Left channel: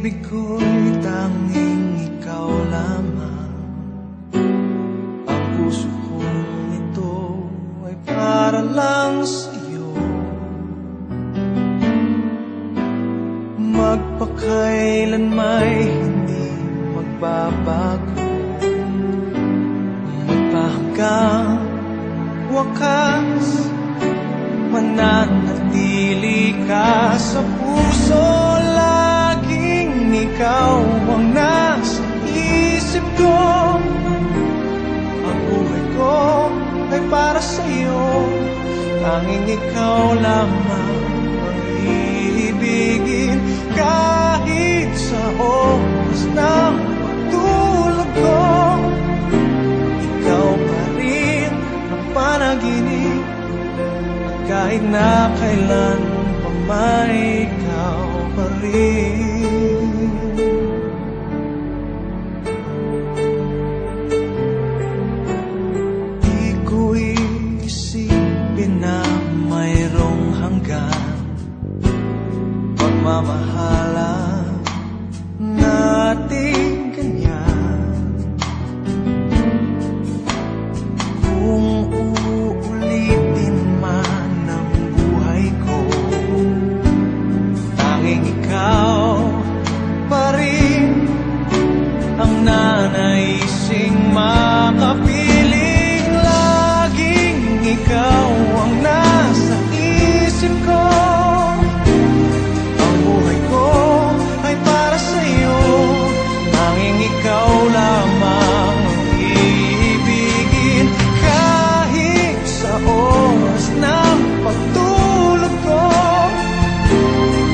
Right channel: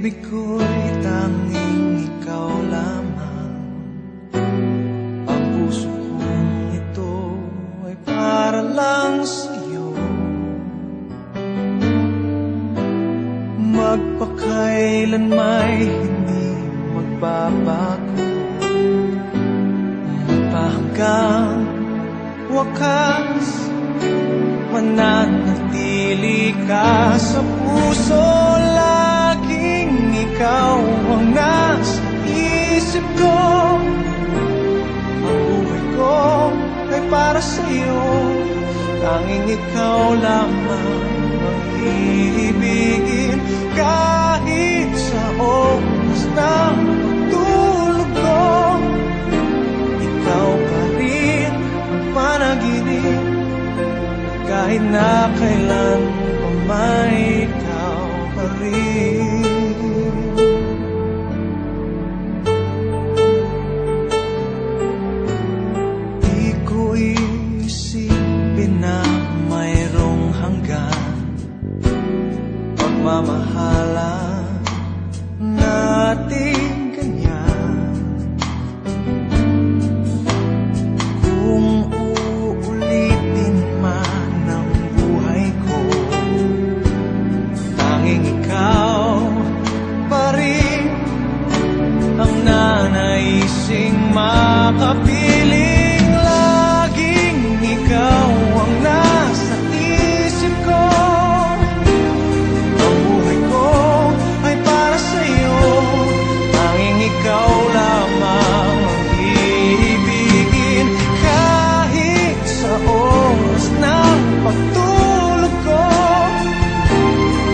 pag-ibig ko'y tanging ikaw lamang. Ang puso kong ito ay para lang sa'yo. Magpakailan may hindi magbabago, magpahanggang wakas, mananatili ka sa puso. Laging ikaw ang nasa isip ko. Ang buhay ko ay para sa'yo. Tanging ikaw lamang ang iibigin. Kahit sa oras ng pagtulog ko, ikaw pa rin ang panaginip. At kahit na kailan pa may ikaw pa rin. Di ko isipin na mayroong hanggan pagmamahalan natin ganyan. Kung uulitin man ang buhay ko, tanging ikaw pa rin ang nanaising makapiling. Laging ikaw ang nasa isip ko. Ang buhay ko ay para sa'yo. Tanging ikaw lamang ang iibigin. Kahit sa oras ng pagtulog ko,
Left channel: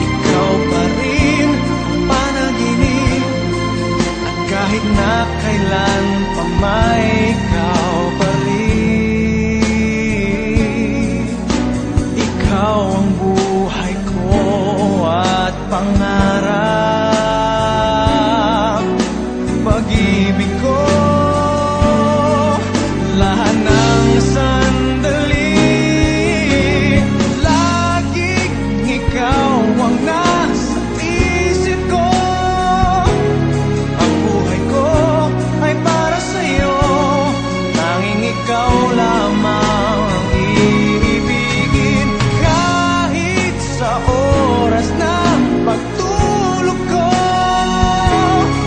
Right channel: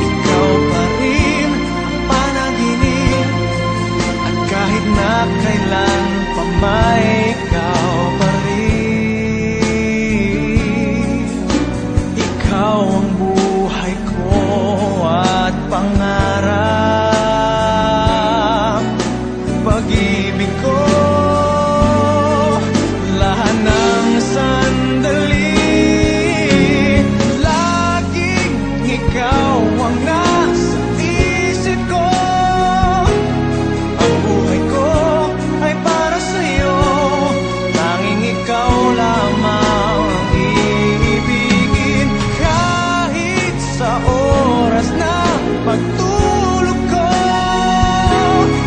ikaw pa rin ang panaginip. At kahit na kailan pa may ikaw pa rin. Ikaw ang buhay ko at pangarap, pag-ibig ko, lahat ng sandali. Laging ikaw ang nasa isip ko. Ang buhay ko ay para sa'yo. Tanging ikaw lamang ang iibigin. Kahit sa oras ng pagtulog ko,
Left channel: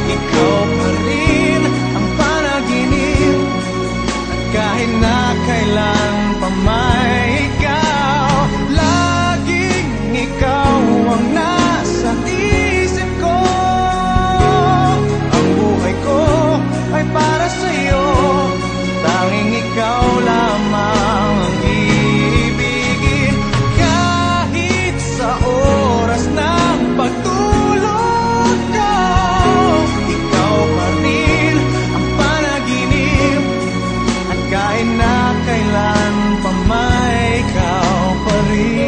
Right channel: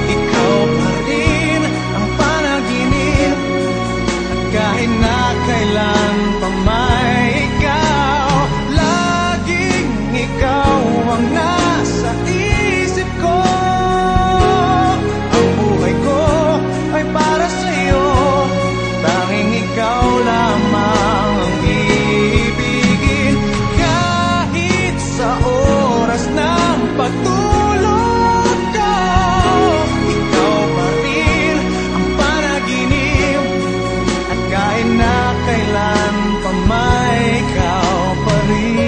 ikaw pa rin ang panaginip. At kahit na kailan pa may ikaw, laging ikaw ang nasa isip ko. Ang buhay ko ay para sa'yo. Tanging ikaw lamang ang iibigin. Kahit sa oras ng pagtulog ko, ikaw pa rin ang panaginip. At kahit na kailan pa may ikaw pa rin.